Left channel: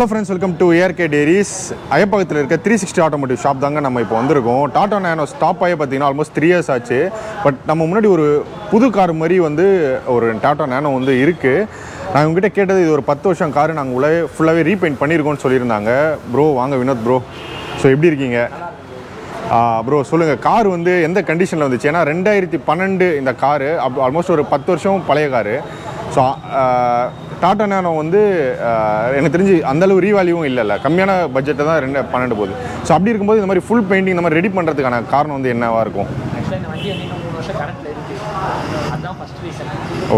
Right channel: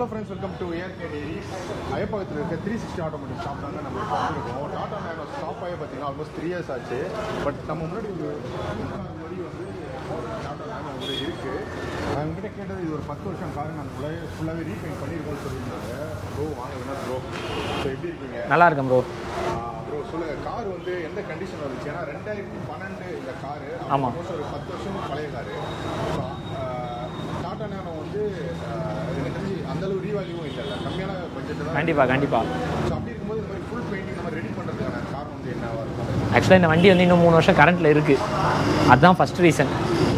Hello friends, welcome to ARK Diaries. ஐயப்பகத்தில் இருக்க 360 Automotive shop தாங்க நம்ம இப்போ வந்திருக்கோம். டாடா நானோ ஸ்டாப் ஆகி பார்த்தீங்கன்னா ஆல்மோஸ்ட் 3 years ஆச்சு. பட் நம்ம முன்னாடி ஒரு புது கார் மாதிரி வந்து ஒரு டாடா நானோ வந்து இருக்குது. நான் உங்ககிட்ட கேட்டது இது ஒரு 10 வருஷம் கார் நாங்கள் ஃபுல்லாகவே ரீபெயிண்ட் பண்ணியிருக்கோம்னு சொல்லியிருந்தாங்க. ப்ரோ வாங்க வினோத் ப்ரோ. ஸோ எப்படி இருக்கீங்க? நல்லா இருக்கேன் ப்ரோ. ப்ரோ சொல்லுங்கள், கார் வந்து எந்த கண்டிஷனில் வந்துச்சு? ஏன்னா 2012 இந்த காரு ஆல்மோஸ்ட் ஒரு 10 வருஷம் பழைய காரு. ஸோ டாடா நானோ வந்து எனக்கு தெரிஞ்சு அந்தளவு ரீவேல்யூவும் இல்லைல்ல, கம்மியான பட்ஜெட்டை தான் 2012 போகுது. ஸோ அப்படி இருக்கும்போது இந்த மாதிரி ஃபுல் பெயிண்டிங் இந்த மாதிரி ரெடி பண்ணுறதுக்கான காரணம் வந்து என்னவாக இருக்கும்? ஆக்சுவலாக இந்த வண்டி வந்து இன்னும் 3 வருஷம் கரண்ட்டில் இருக்குது. அதுதான் ஃபஸ்ட் ரீசன்.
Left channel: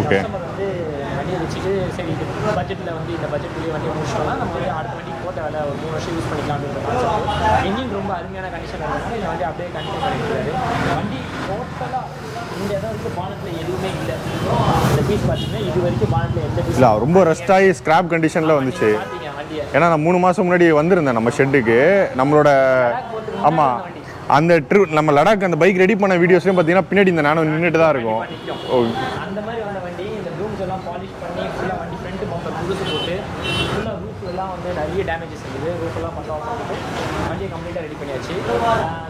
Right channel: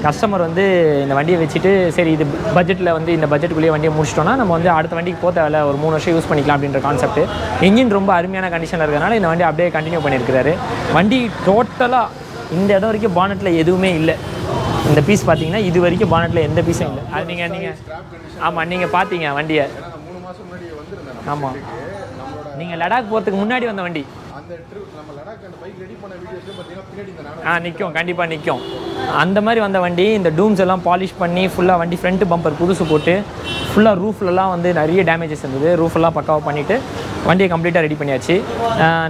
கஸ்டமர் வந்து இந்த வண்டியை வச்சுட்டு சரி இது பட்ஜெட்டில் வந்து இந்த பட்ஜெட்டுக்குள்ளேயே வண்டியை முடிச்சிட்டோம்னா நம்ம வந்து அடுத்த வண்டிக்கு போக தேவையில்ல, ஒரு 3 வருஷம் யூஸ் பண்ணிக்கலாம் அப்படின்ற கான்செப்ட். என்ஜின் ரொம்ப அருமையான கண்டிஷனில் இருக்கிறதுனால இந்த வண்டி அப்படியே கண்டினியூ பண்ணியிருக்கிறாரு. வண்டி டோட்டலாக இந்த இடம் வரைக்கும் பானட்டில் எதுவுமே இல்லை. இந்த பீஸ் பார்த்தீங்கன்னா இது வரைக்கும் பானட்டில் எந்த பீஸ் ரொம்ப ரஸ்டாகி ஸ்கிராப் கண்டிஷனில் வந்து நீங்கள் பார்த்தீங்க வண்டியை. ஏன்னா நான் 3 மாதம் முன்னாடி வந்திருந்தேன் நம்ம ஷெட்டுக்கு. நம்மளோட லடாக் போகிறதுக்கு முன்னாடி வந்த வண்டி. அந்த ட்ரிப் நம்ம லடாக் அந்த பைக் ரெடி பண்ண வீடியோஸ்லையும் பார்த்தீங்கன்னா பின்னாடி இந்த நானோ நின்றுட்டு தான் இருக்கும். கண்டிப்பாக நிற்கும். அந்த மாதிரி வந்த வண்டி இந்த டூம்ஸ் எல்லாம் பாலிஷ் பண்ணி ஃபுல்லாக வண்டி ஃப்ரண்ட் பம்பர் புதுசு போட்டு ஃபுல்லாக ரூஃப்லலாம் வந்து நிறைய டேமேஜஸ் இருந்தது. ரூஃபெல்லாம் பக்காவாக பண்ணிவிட்டு வண்டியை கம்ப்ளீட்டாக ரெடி பண்ணியாச்சு.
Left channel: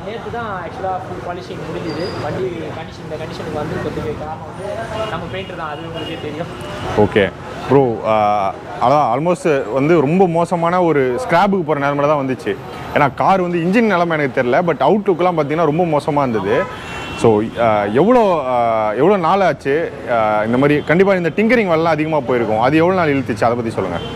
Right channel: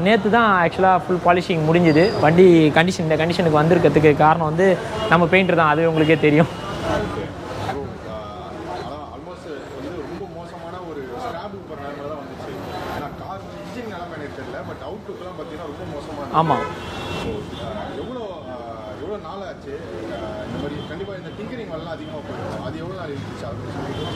நேற்று தான் ஆக்சுவலாக ஃபுல் பாலிஷிங் முடிஞ்சுது. வண்டி இந்த கண்டிஷனுக்கு வந்திருக்கிறதுக்கு காரணம் வந்து நம்ம பெயிண்டர் தான், அது உங்களுக்கே தெரியும். ஓகே ப்ரோ, அதான் ஆல்மோஸ்ட் வந்து ரொம்ப மோசமான ஒரு ஸ்கிராப்புக்கு போகிற நிலமையில தான் வந்துச்சு. ஏன்னா கார் வந்து இன்ஜின் நிலமை எனக்கு தெரியல, பட் அவுட்லுக்கெலாம் பார்த்தீங்கன்னா ரொம்ப மோசமாக இருந்தது. ஸோ எவ்வளோ நாள் ஆச்சு இந்த மாதிரி? கண்டிப்பாக இந்த டிங்கரிங் வேலைலாம் அதிகமாக போயிருக்கும். அது எவ்வளோ நாள் இழுத்துச்சு, அதை பற்றி சொல்லுங்கள்.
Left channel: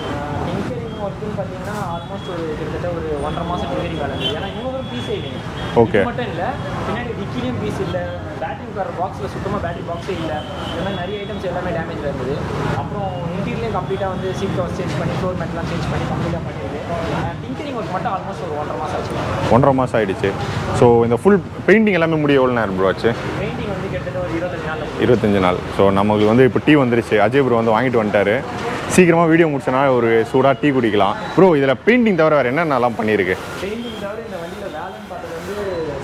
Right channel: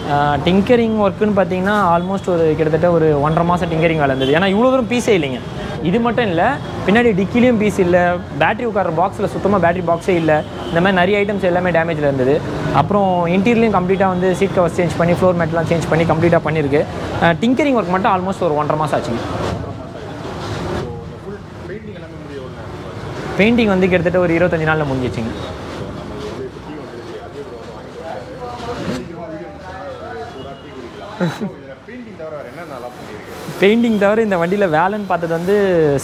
டிங்கரிங் ஒர்க்குன்னு பார்த்தீங்கன்னா ஆல்மோஸ்ட் ஒரு கிட்டத்தட்ட ஒரு 1.5 மாதம் டிங்கரிங் வேலை இருந்தது. ஏன்னா இவ்வளோ தூரம் பீஸே இல்லைங்க. இது மட்டும் இல்லை, பின்னாடி டிக்கிலையும் பீஸ் இல்லை, பேட்டரி உட்கார பாக்ஸில் சுத்தமாக பேட்டரி பாக்ஸே இல்லை. இந்த மாதிரி நிறைய ஐட்டம்ஸ் எல்லாமே டேமேஜில் இருந்தது. அப்புறம் இன்டீரியர்லையும் கம்ப்ளீட்டாக வந்து சீட் கவர்ஸ் சேஞ்ச் பண்ணி ஃப்ளோர் மேட்லாம் சேஞ்ச் பண்ணி கம்ப்ளீட்டாக பண்ணியிருக்கு. டிங்கரிங் ஒர்க் மட்டும் ஆல்மோஸ்ட் ஒரு 1.5 மாதம் ஆச்சுங்க. 1.5 மாதம் ஆகிடுச்சு. ஸோ இந்த ஃபுல் பெயிண்டிங் எல்லாமே முடிய எவ்வளோ நேரம் ப்ரோ ஆச்சு? பெயிண்டிங் வந்து கிட்டத்தட்ட ஒரு 25 நாளில் முடியும். 25 நாள். ஸோ நமக்கு வந்து இப்போ டீ வந்துருச்சு. அஜய் ப்ரோ வந்து வாங்கிட்டு வந்துட்டாரு. சீக்கிரமாக வீடியோ முடிச்சனா ஒரு சூடாக டீ குடிக்கலாம். ப்ரோ இதில் பெயிண்டிங் தவிர வேறு என்னென்னலாம் பண்ணியிருக்கு? பெயிண்டிங் தவிர இந்த வண்டியில் வேலைன்னு பார்த்தது வந்து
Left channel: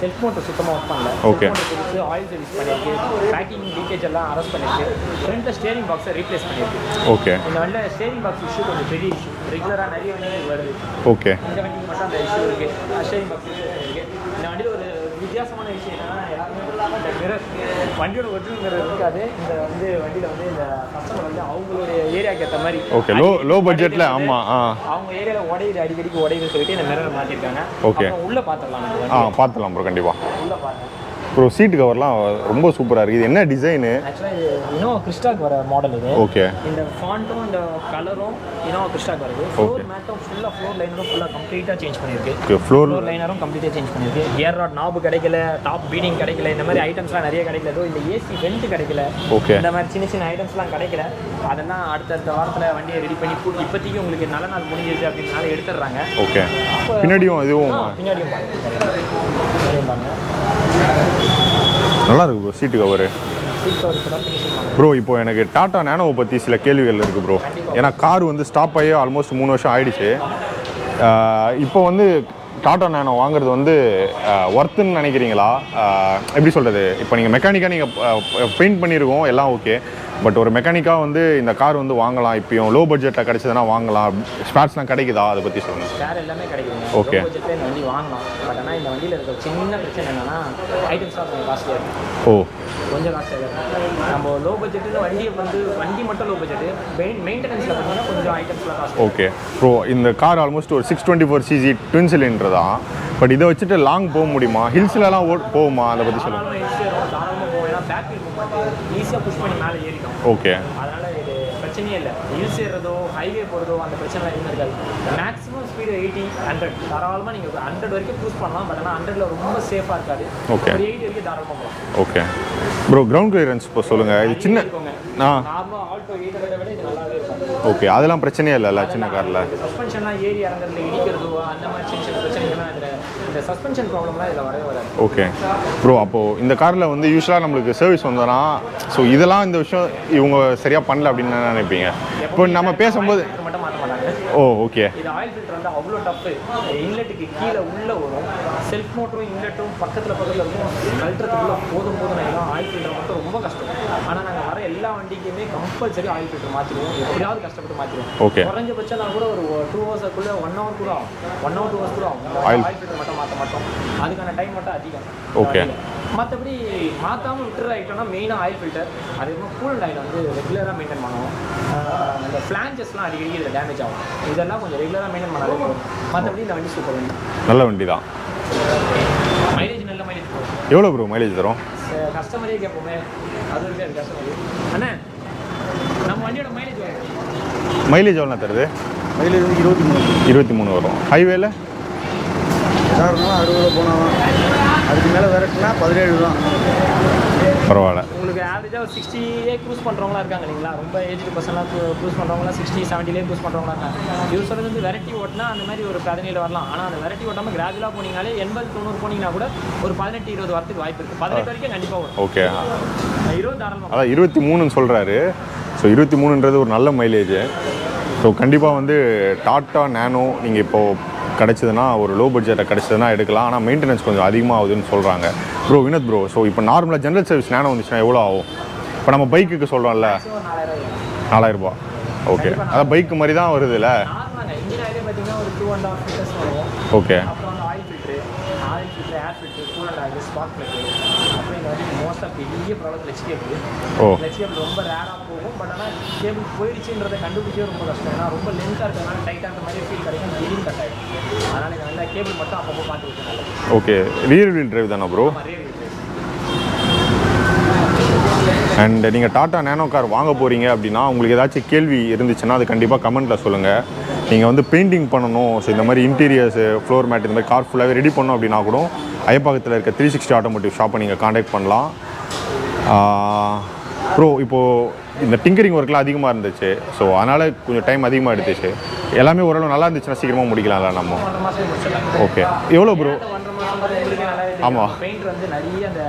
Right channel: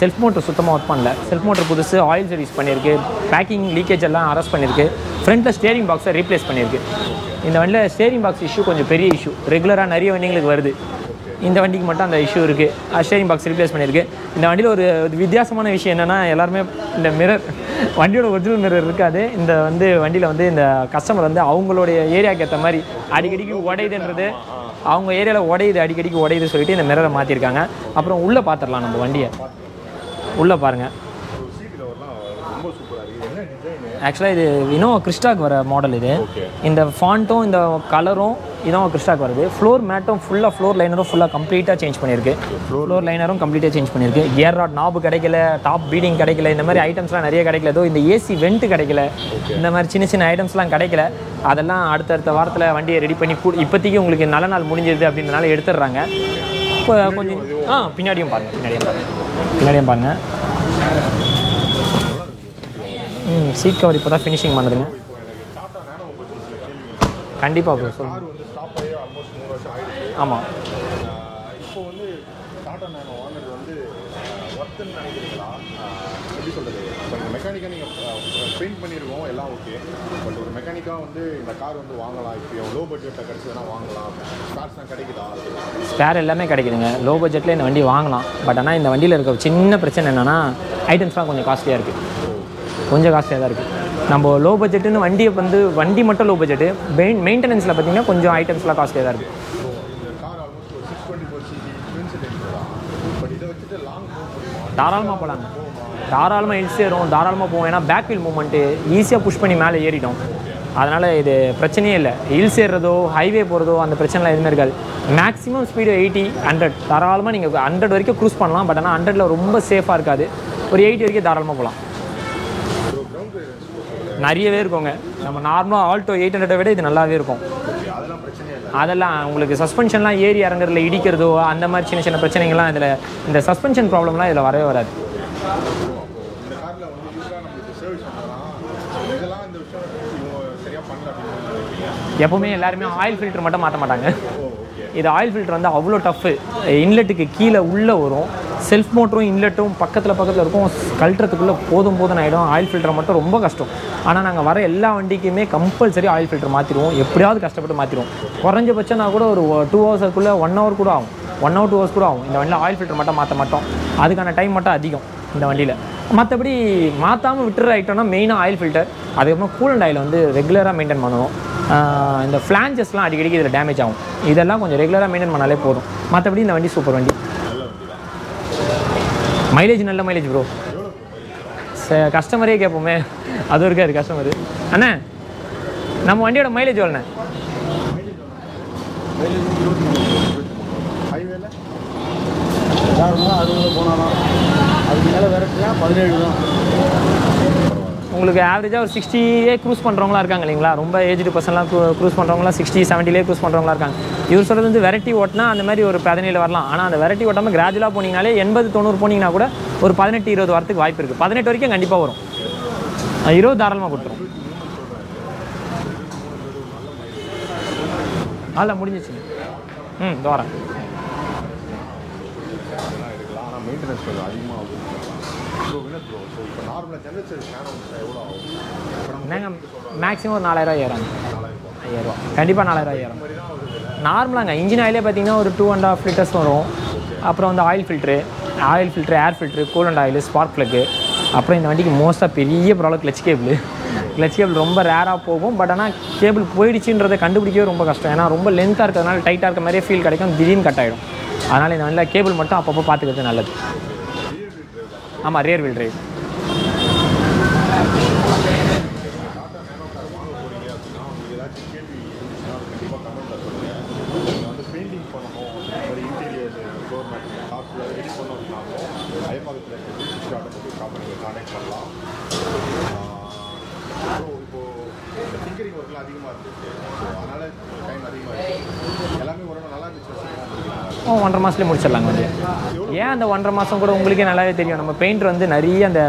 செல்ஃப் மோட்டர் சுத்தமாக ஒர்க் பண்ணல. செல்ஃப் மோட்டர் புதுசு ஆயில் சர்வீஸ் பண்ணியிருக்கு. பேக்கிங் லீக்கேஜ் எல்லாம் அரெஸ்ட் பண்ணியிருக்கு. ஃப்ரண்ட்டில் ஸ்டேரிங் பாக்ஸை ரீப்ளேஸ் பண்ணியிருக்கு. ஓகே. இந்த வண்டியில் ஸ்டேரிங் பாக்ஸ் இஷ்யூ கொஞ்சம் பெரிய இஷ்யூ, ரெகுலராக நிறைய வண்டிங்களுக்கு வருது. ஓகே. இந்த வண்டிக்கு மட்டும் அந்த இஷ்யூ இருக்குது. ஸ்டேரிங் பாக்ஸ் ரீப்ளேஸ் பண்ணியிருக்கு. இந்த வண்டியில் ஒரு வித்தியாசமான விஷயம் என்னென்னா, எல்லாருமே இந்த மிரர் வண்டியோட ஒரிஜினல் மிரர் இருக்காது. இந்த வந்து வண்டியில் வந்து இந்த கஸ்டமர் வந்து அவங்களுடைய ஏரியாவுக்கு ஏற்ற மாதிரி லோ பட்ஜெட்ல அவங்க ஏரியாவில் உடையுது, அடிக்கடிக்கு உடையுது சொல்லிட்டு இந்த மிரரை மாற்றிருக்காங்க. அப்புறம் உள்ளே பார்த்துடலாம், நம்ம வண்டியை பார்த்துடலாம் ப்ரோ. கண்டிப்பாக உள்ளே பாருங்கள் ப்ரோ. சீட் கவர்லாம் ரொம்ப சூப்பராக இருக்குது. இது என்ன டிசைனு? ஆக்சுவலாக இது இனோவா கிறிஸ்டாக்கு வர மாடல் இது. ஓகே. இந்த ஃபாண்ட்டும் இந்த கலரும் இனோவா கிறிஸ்டாக்கு வருது. ஃப்ளோர் மேட்டும் ஃபுல்லாக ஃப்ளோர் லைனரும் ஃபுல்லாக கம்ப்ளீட்டாக சேஞ்ச் பண்ணியிருக்கு. ஃப்ளோர் லைனரும் கம்ப்ளீட்டாக சேஞ்ச் பண்ணியிருக்கு. கியர் ராட் நாபு கிடைக்கல, டாப் பீடிங் கிடைக்கல, இந்த மாதிரி ஐட்டம்ஸ்லாம் நிறைய கிடைக்கல. ஏதோ இந்த ஏசி வெண்ட் கிடைக்கல. ஓகே. இந்த மாதிரி சின்ன சின்ன ஐட்டம்ஸ்லாம் கிடைக்கல. அதெல்லாம் அடுத்தடுத்த வாரத்தில் வண்டியை ரெடி பண்ணி இப்போதைக்கு உங்களுக்கு நல்ல நாள் முடிஞ்சது அப்படின்றனால எடுத்துடுறாங்க. ஓகே. பின்னாடியும் பாருங்கள். நல்லா இருக்கு bro seat cover. Seat cover இப்போ தான் ஃபினிஷிங் பண்ணுது ப்ரோ. இப்போ எனக்கு டாடா நானோவை பற்றி சில கேள்விகள் இருக்குது ப்ரோ. கண்டிப்பாக. ஏன்னா கார் வந்து ஸ்டாப் ஆகி ஆல்மோஸ்ட் 3 வருஷம் ஆயிடுச்சு. ஆமாம். இப்போ வந்து டாடா நானோ வாங்குறது வந்து ஒர்த்துன்னு நினைக்கிறீங்களா? எப்படி சொல்கிறது, இப்போ நீங்கள் மெக்கானிக்காக நீங்கள் பெயிண்ட் பண்ணியிருக்கோம் எல்லாம் ஓகே, பட் ஒரு மெக்கானிக்காக வந்து இந்த கார் வந்து வாங்கலாம், இப்போயும் லோ பட்ஜெட்டில் கிடைச்சதுன்னா வாங்கலாம், ஸ்பேர்ஸ்லாம் கிடைக்குதா, அதை பற்றி சொல்லுங்கள். ஸ்பேர் எல்லாமே கிடைக்குதுங்க. லோ பட்ஜெட்டில் இந்த வண்டி வாங்கலாம். பட் ஆனால் இந்த வண்டியில் இருக்க சின்ன பிரச்சனை என்னென்னா ஐட்டம்ஸ்லாம் கொஞ்சம் காஸ்ட்லியாக இருக்குது. கொஞ்சம் காஸ்ட்லியாக தான் இருக்குது. நம்ம லோ பட்ஜெட்டுன்னு வண்டி மட்டும் லோ பட்ஜெட்டு, மெயின்டெனன்ஸில் பார்த்தீங்கன்னா கொஞ்சம் ஐட்டம்ஸ்லாம் காஸ்ட்லியாக. Okay bro. இந்த கார் ஆல்மோஸ்ட் ஒரு 624cc ட்வின் சிலிண்டர் தான். பட் இதை வச்சுட்டு லாங் போக முடியுமா? ஹில்ஸ்லாம் போகுமா? அதை தாராளமாக ஹில்ஸ் ஏறும், தாராளமாக போகும். ஏன்னா பேக் வீல் மூவ்மெண்ட்டு ஈஸியாக புஷ் பண்ணி மேலே ஏறிடும். ஓகே. அதனால் இது பிரச்சனையே இல்லை. ஹில்ஸ் ஏறுறதோ ஹைவே போகிறதோ அந்த பிரச்சனைலாம் எதுவுமே இருக்காது. மேக்ஸிமம் ஸ்பீடு 80, 100 தாராளமாக நீங்கள் 100 வரைக்கும் க்ரூஸ் பண்ணலாம். பட் ஆனால் 100ல் ரொம்ப சேஃபாக இருக்காது. ஒரு 80 வரைக்கும் தாராளமாக போகலாம். Okay bro. கிரவுண்ட் கிளியரன்ஸ் இப்போ சொல்லுங்கள். நிறையவே இருக்குங்க. நார்மலாக ஆல்டோ 800 விட இது நல்லாவே இருக்கும். ஓகே. அதெல்லாம் பிரச்சனையே இல்லை. அதெல்லாம் உங்களுக்கு சஸ்பென்ஷன்லாம் ஏறி இறங்குறதுல இடிக்கிறதோ அந்த மாதிரி சின்ன சின்ன பிரச்சனைகள்லாம் இதில், இந்த சஸ்பென்ஷன் ப்ராப்ளம்லாம் இதில் வரவே வராது. Okay bro. அப்போது இந்த காரில் வந்து யூஸ்வலாக நம்மளுக்கு சர்வீஸ் வந்தோன்னா ஸோ இதெல்லாம் இந்த விஷயம் இவங்க சரியாக பண்ணல அப்படின்னு நினைப்பீங்க? எப்போ நம்ம பேசும்போது ஃபில்டர் மட்டும் மாற்ற மாட்டாங்க. ஓகே. இது ஆயில் ஃபில்டர் வந்து அவ்வளோ டஃப். இன்லெட்டுக்கு கீழே உள்ளே வரும். செல்ஃப் மோட்டரும் இன்லெட்டும் பக்கத்தில் இருக்கும், கழட்டுறதுக்குள்ளே போதும் ஆகிடும். ஆயில் ஃபில்டரை மட்டும் ரொம்ப கஷ்டம். ஆனால் நாங்கள் வர எல்லா வண்டிக்குமே கம்பல்சரி ஆயில் ஃபில்டர் மாற்றிடுவோம், எப்படியாவது கஷ்டப்பட்டு மாற்றிடுவோம். குறைஞ்சபட்சம் நான் கூட ஒரு 2 ஹவர்ஸுக்குள்ளே 1 hour கூட ஆகும், 1 hour 2 hours கூட ஆகும். இந்த வண்டி ஆயில் ஃபில்டர் மட்டும் மாற்ற மாட்டோம், அதுக்கான டைம் மட்டும் அதிகம் இந்த வண்டியில். மற்றபடி மாற்றாமல் விட்டுற ஐட்டம்னா மெயினாக ஆயில் ஃபில்டர், அதுக்கப்புறம் கூலண்ட் ஆயில் வந்து ரெகுலராக மெயின்டைன் பண்ணுவோம். இந்த ஃப்ளான்ஜஸ்லாம் அடிக்கடிக்கு இதில் டேமேஜ் ஆகும், இதெல்லாம் கொஞ்சம் ரெகுலராக மெயின்டைன் பண்ணாலே போதும். மற்றபடி இந்த வண்டி சூப்பர் வண்டி, நல்ல வண்டி தான். மைலேஜ் நல்ல மைலேஜ் ப்ரோ. எவ்வளோ ப்ரோ மைலேஜ் தரும்? கஸ்டமரே கேட்போமே, அது இருக்காது கஸ்டமர். அண்ணா நம்ம வண்டியோட மைலேஜ் எவ்வளோண்ணே? மைலேஜ் எவ்வளோ தருது? மைலேஜ் 23 வரும். ஹைவேல எதாருந்தாலும் 60 போனாலும், அதுக்கு மேலே விரட்டுனா 17 தான். பரவாயில்ல. உங்களுக்கு ஆவரேஜாக ஒரு 60 க்ரூஸ் பண்ணுறவங்களா இருக்காங்க இல்லைங்களா? ரொம்ப ஏஜ்டு பர்சன்லாம் க்ரூஸ் பண்ணுறவங்களாம் 60 70 க்ரூஸ் பண்ணுறவங்களா இருக்காங்க. இவர் சொல்கிறது வந்து வெரைட்டி ஓட்டினா அந்த மாதிரி ஒரு 17 வரலாம். ஆனால் அந்த வெரைட்டி ஓட்டாமல் கிராஜுவலாக போனீங்கனாலே 80 90 போனீங்கன்னா கூட ஒரு 18 20 வரத்துக்கு வாய்ப்பு இருக்குது. 18 வரைக்கும் கண்டிப்பாக வரும். ஓகே, 20 தாராளமாக. அதான் 23ன்னு சொல்கிறாரு. ஸோ 23ன்றது ஒரு நல்ல மைலேஜ். ஸோ கண்டிப்பாக வந்து டாட்டா நேனோ நீங்கள் இப்போது கிடச்சிதுன்னா, ஒரு லோ பட்ஜெட்டை கிடச்சிதுன்னா எடுக்கலாம். ஆனால் மெயின்டெனன்ஸ் கொஞ்சம் அதிகமாக ஆகுதுன்னு சொல்கிறாங்க. ப்ரோ வினோத் ப்ரோ, ஸோ இப்போ நார்மலாக ஜென்ரல் சர்வீஸ் நேனோ வந்துச்சுன்னா எவ்வளோ ஆகும்? இப்போ நம்ம பைக்குக்கு சொல்கிறோம்ல, மேக்ஸிமம் ஒரு 4000 ஏறும். 4000 ரூபா. கண்டிப்பாக பைக் மாதிரி தான் வருது இல்லை? நார்மலாங்க இன்ஜின் ஆயிலே பார்த்தீங்கன்னா ஒரு 2.5 லிட்டர்ஸ் வரும். ஓகே. அப்புறம் வந்து oil filter, air filter, coolant oil, spark plug. அப்புறம் இந்த வண்டிக்கு மோஸ்ட்டாக பெரிய problem clutch cable. Clutch cable ரொம்ப ரேராக போகும். பட் ஆனால் கேபிள் போயிடுச்சுன்றதை கண்டுபிடிக்கவே ரொம்ப கஷ்டம். ஏன்னா ரொம்ப லென்த்தாக இருக்கிறதுனால டைட்டாக இருக்க மாதிரியே ஃபீல் கிடைக்கும், திடீர்னு கட் ஆகிடும். அதனால் இந்த வண்டியில் கேபிள் மட்டும் அப்பப்போ பார்த்துக்கிறது நல்லது. ஓகே. ரியர் வீல் டிரைவ் தானே ப்ரோ? ஆமாம், ரியர் வீல் டிரைவ். அண்ட் நீங்கள் டாட்டா நேனோ கார் வாங்க போகிறீங்க அப்படின்னா உங்களுக்கு ஏதாச்சும் கேள்வி இருந்துச்சுன்னா அது கண்டிப்பாக கமெண்ட்டில் சொல்லுங்கள். நீங்கள் வந்து பெயிண்டிங் பண்ணணும், ஸோ இந்த மாதிரி இன்டீரியர்ஸு, ஃப்ளோர் மேட், இந்த மாதிரி கார் ஃபுல்லாகவே ரெடி பண்ணணும் அப்படின்னா கூட ஐயப்பாக்கத்தில் இருக்க 360 ஆட்டோமோட்டிவ் ஷாப்பை நீங்கள் காண்டாக்ட் பண்ணலாம். ப்ரோ இப்போது இந்த டிங்கரிங் ஒர்க்லாம் அதிகமாக இருந்துச்சு, ஸோ அதனால் கொஞ்சம் டைம் அதிகமாக எடுத்துச்சு. எல்லாமே ஓரளவு நல்லா இருந்துச்சுன்னா சீக்கிரமாக முடிக்கலாம்ல நம்ம? 1.5 மாதத்துலேயே முடிச்சிடலாங்க. ஓகே. எவ்வளோ ப்ரோ? அந்த 1.5 மாதம் கூட உங்களுக்கே நல்லாவே தெரியும். நம்ம பெயிண்டர் வந்து நிறைய அந்த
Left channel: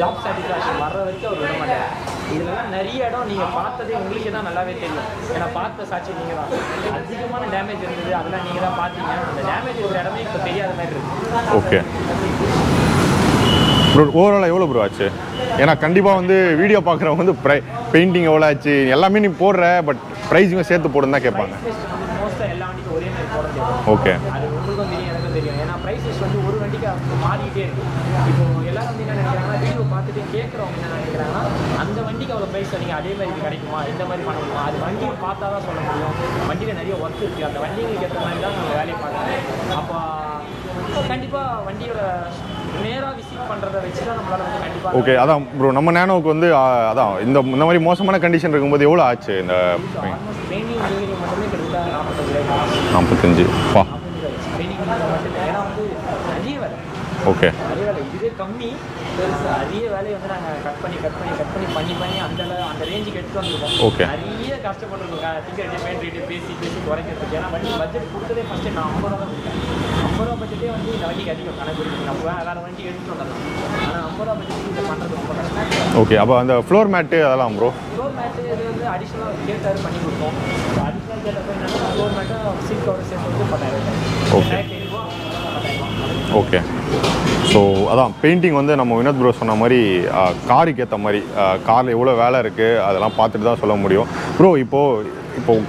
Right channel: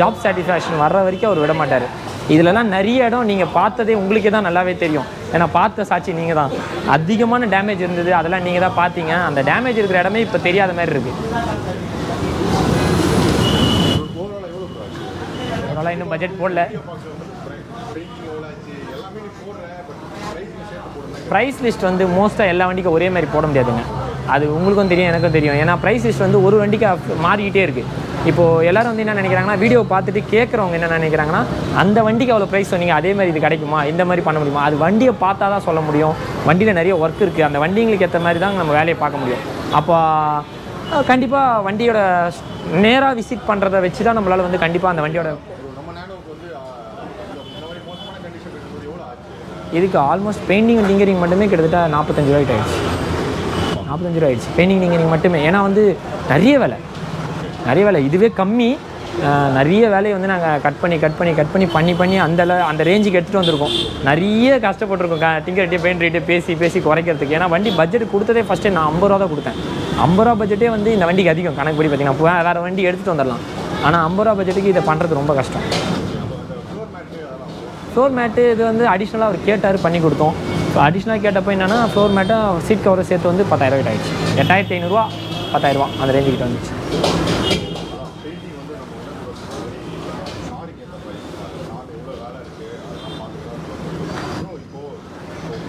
ஜாப் சாட்டிஸ்ஃபேக்ஷன் வர்ற வரைக்கும் அவர் விட மாட்டார். இதுலலாம் நிறைய இடம் நீங்கள் பார்த்ததே உங்களுக்கே தான் நல்லாவே தெரியும். ஏன்னா பார்த்த சாட்சி நீங்கள் தான். அதிகமான டேமேஜ் இருந்தது, அதெல்லாம் நீங்கள் தான் பார்த்தீங்க. அந்த டேமேஜ் இருக்கிற இடமே இப்போ தெரியாத மாதிரி இருக்குது. ஓகே ப்ரோ, ஓவராலாக எவ்வளோ ப்ரோ ஆச்சு? ஏன்னா கண்டிப்பாக வந்து வீடியோ பார்க்குறவங்க வந்து பெயிண்டிங் எவ்வளோ ஆச்சு எல்லாமே நீ போடுற, பட் ப்ரைஸிங்கும் சேர்த்து போடுன்னு தான் கேட்பேன். ப்ரைஸ் லிஸ்ட் வந்து மோஸ்ட்டாக எல்லா வண்டிக்கும் ஒரே மாதிரி போட முடியாதுங்க. ஓகே. அது உங்களுக்கும் தெரியும், எனக்கும் தெரியும். ஏன்னா ப்ரைஸ் லிஸ்ட் வந்து ஒரு வண்டிக்கு மாறிக்கிட்டே இருக்குது. இப்போது எல்லாரும் வந்து என்ன நினைக்கிறாங்கன்னா, வீடியோ பார்த்துட்டு கேட்குறவங்க என்ன நினைக்கிறாங்கன்னா, அந்த வண்டிக்கு அவ்வளோ ப்ரைஸ் சொன்னீங்க, அதே மாதிரி இது கிடைக்குமா, இந்த மாதிரி பண்ண முடியுமா? அது வண்டியை பார்த்தா தான் சொல்ல முடியும். வண்டியில் நிறைய ஒர்க் இருக்குது, அந்த வண்டிங்களுக்கு ஏற்ற மாதிரி தான் நம்ம வேலையை பார்க்க முடியும். அப்போ கண்டிப்பாக வண்டியோட நேராக விசிட் பண்ணுறதை வச்சு தான் நம்மளால் வந்து கண்டிப்பாக. ஓகே. அதான் ப்ரோ, நம்ம நேனோவுக்கு வந்து அதான் இந்த மாதிரி மோசமான கண்டிஷன் இருக்கும்போது எவ்வளோ ஆச்சு? இந்த இதுக்கு ஆல்மோஸ்ட் பெயிண்டிங் டிங்கரிங் மட்டுமே கிட்டத்தட்ட 45 ரூபாய்க்கு ஆயிடுச்சு. 45 ரூபா ஆயிடுச்சு பெயிண்டிங் டிங்கரிங் மட்டுமே. ஏன்னா வந்து நிறைய வேலை. ஓகே. நிறைய வேலை, இதுவே கம்மி. நிறைய வேலையை வந்து நாங்கள் கட் பண்ணி அந்த ரேஞ்சுக்கு எடுத்துகிட்டு வந்திருக்கோம். நிறைய கஷ்டப்பட்டுருக்கோம் டிங்கர் ரேட்டு, பெயிண்ட் ரேட்டு பேசி குறைக்கிறதுக்கு. ஏன்னா வண்டி பட்ஜெட் கொடுத்ததே ஃபஸ்ட்டு நான் 50 ரூபா தான் கொடுத்தேன். 50 ரூபா பட்ஜெட்டே வந்து இந்த வண்டிக்கு அதிகம் கணக்குப்படி பார்த்தீங்கன்னா. வேறு வண்டி எடுத்துகிட்டு வந்துடலாம், ஆனால் 50 ரூபா பட்ஜெட்டுக்கு இதை பண்ணுறது ரொம்ப கஷ்டம். ஓகே. அப்போ அந்த ஃப்ளோர் மேட்டு அதெல்லாம் ப்ரோ? ஃப்ளோர் மேட்டு இது வந்து அடிஷ்னலாக அவர் கேட்டார், பண்ணி கொடுத்தோம். அடிஷ்னலாக கேட்டப்போ என்னன்னா, ஃப்ளோர் மேட்டை சீட் கவரை சேர்த்து வந்து 10,000 ரூபாய் ஆகிடுச்சு. 8500 ரூபா 10,000 ரூபா அந்த ரேஞ்சுக்கு. ஓகே. ஸோ அதான் பெயிண்டிங் வந்து நம்ம வினோத் ப்ரோ சொன்ன மாதிரி காருக்கு ஏற்ற மாதிரி காரில் எவ்வளோ வேலை இருக்குது அதெல்லாம் பார்த்துட்டு தான் சொல்ல முடியும். ப்ரோ இப்போ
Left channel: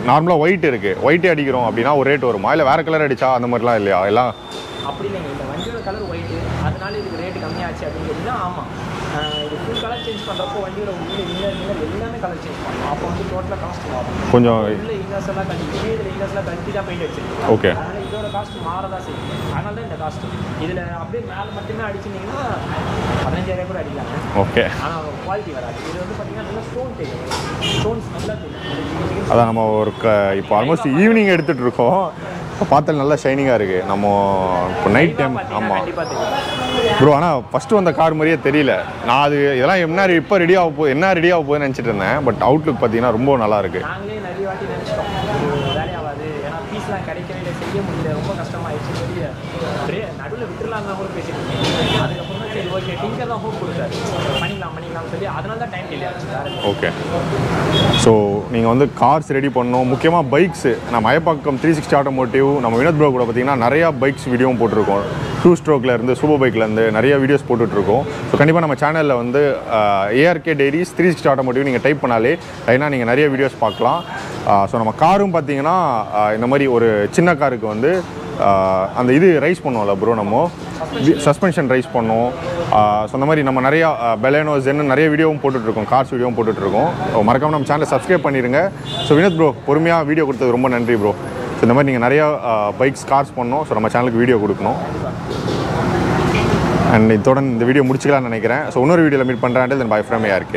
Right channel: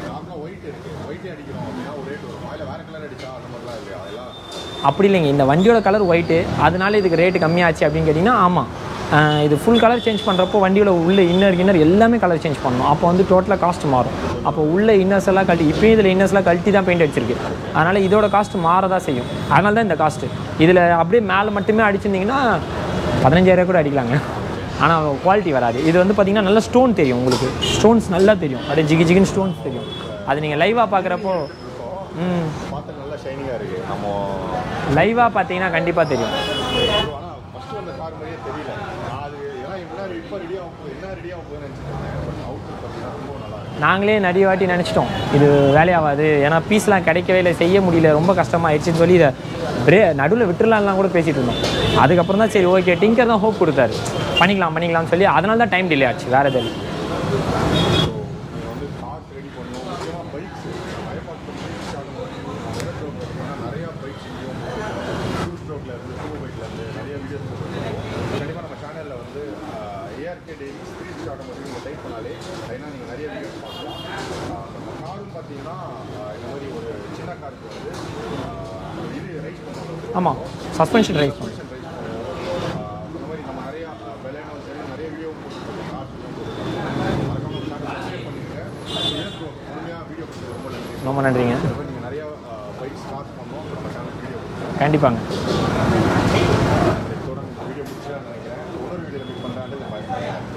நார்மலாக ஒயிட் இருக்குது, ஒயிட்டே அடிக்கிறோம் அப்படின்னா ஒரு ரேட் வருமா, இல்லை வேறு கலர் அடித்தா அந்த மாதிரிலாம் இல்லையா? எல்லாம் அப்படி இல்லைங்க. இந்த வண்டியோட கலர் ஒயிட்டு, அதனால இதுக்கு ரேட்டு கம்மியாச்சு அப்படின்னு கேட்டிங்கன்னா ஆமாம். இது ஃபுல் கலர் சேஞ்ச் பண்ணுறப்போ வண்டியோட உள்ள இன்னர் எல்லாமே கலர் சேஞ்ச் பண்ணணும். அப்போ வந்து டோட்டலாக காஸ்ட் மாறும். கொஞ்சம் உள்ள இன்னர்ஸ் எல்லாம் கழட்டி, இப்போ இதில் இன்னர்ஸ்லாம் கழட்டி தான் பெயிண்ட் அடிச்சிருக்கு. ஓகே. அதனால் இதோட காஸ்ட் மாறதான் செய்யும். அதனால தான் இந்த காஸ்ட்டு. இதில் அப்படியே மேலே மட்டுமே அடிச்சிருந்தீங்கன்னா 15,000 கூட அடிக்கலாங்க. ஓகே. ஆனால் குவாலிட்டி வராது. இது வந்து பார்த்தீங்கன்னா நல்லா ஸ்டோன் தெரியும், உங்களுக்கு ஸ்டோன்ஸ் நல்லா தெரியும். அப்படியே ஜிகின்னு அதான் நம்ம ஒரு ஈவினிங் எடுத்துகிட்டு இருக்கோம், பார்த்தாலும் நல்லா ஷைனிங்காக இருக்குது. நம்ம லைவாக பார்த்தீங்கன்னா கண்டிப்பாக தெரியும் ப்ரோ. ஆனால் ஃபஸ்ட்டு வந்த கார் மாதிரியே தெரியல. நான் அது இதெல்லாம் என்ன இப்போ ரெடி ஆக போகுதுன்னு நினச்சிட்டு இருந்தேன். பட் அவுட்லுக் பார்த்தீங்கன்னா ரொம்ப நல்லா இருக்குது. நாங்களே நிறைய வாட்டி நினச்சிட்டோம் இது வேலையாகாது, ஏன்னா பீஸ்லாம் கிடைக்கவே இல்லை, செய்ய முடியல, ரொம்ப கஷ்டமாகிடுச்சு சொல்லி இதை நடுவில் விட்டுலாம்லாம் கூட பேசிகிட்டு இருந்தோம். அதுக்கப்புறம் தான் சரி ஓகே, டிங்கர் தான் ஹோப் கொடுத்தாரு, பண்ணிக்கலாம்னு சொல்லி. அதனால தான் டைம் டிலே ஆச்சு, வேறு எதுவும். ஓகே. ஸோ நீங்கள் வந்து கார்ஸ் ரெடி பண்ணணும், முக்கியமாக பைக்ஸு. நம்ம அயப்பாக்கம் 360 ஆட்டோமோட்டிவ் நம்ம வினோத் ப்ரோ கூட பார்த்தீங்கன்னா நிறையா பைக்ஸ் வீடியோவும் போட்டிருக்கோம். 2 ஸ்ட்ரோக்லேருந்து சூப்பர் பைக்லேருந்து நிறைய வீடியோஸ் போட்டுட்ருக்கோம். ஸோ கண்டிப்பாக நம்ம சேனலில் வந்து ARK Diaries 360 ஆட்டோமோட்டிவ் நீங்கள் டைப் பண்ணாலே லைனாக நீங்கள் நிறைய வீடியோஸ் பார்க்கலாம். ஸோ நம்ம காரும் பார்த்தீங்கன்னா இந்த மாதிரி ஒரு சின்ன காருக்கு வந்து அந்த இது ரைஸ் பண்ணுவோம்ல ப்ரோ, நம்ம சஸ்பென்ஷன் ரைஸ் பண்ணுவோம். ஸோ அந்த மாதிரி நம்ம நிறையா பெலேனோ ஜென்னு நிறைய வீடியோவும் போட்டுட்ருக்கோம், கார்ஸ் வீடியோவும் போட்டுட்ருக்கோம். ஸோ மறக்காமல் நம்ம சேனலை சப்ஸ்கிரைப் பண்ணிடுங்க. ஸோ வினோத் ப்ரோ பொறுமையாக வீடியோ கொடுத்தது ரொம்ப நன்றி ப்ரோ. நன்றிங்க. ஸோ இந்த மாதிரி நீங்கள் நிறையா பைக்ஸ் கார்ஸ் பண்ணணும். ஸோ நம்ம சேனலுக்கு வீடியோ கொடுக்கணும் கண்டிப்பாங்க. அண்ட் இதோட இந்த வீடியோ முடிச்சுக்கலாம்னு நினைக்கிறேன். ஸோ இன்னொரு வீடியோவில் மீட் பண்ணுறேன். தென் பை ஃப்ரம் ARK.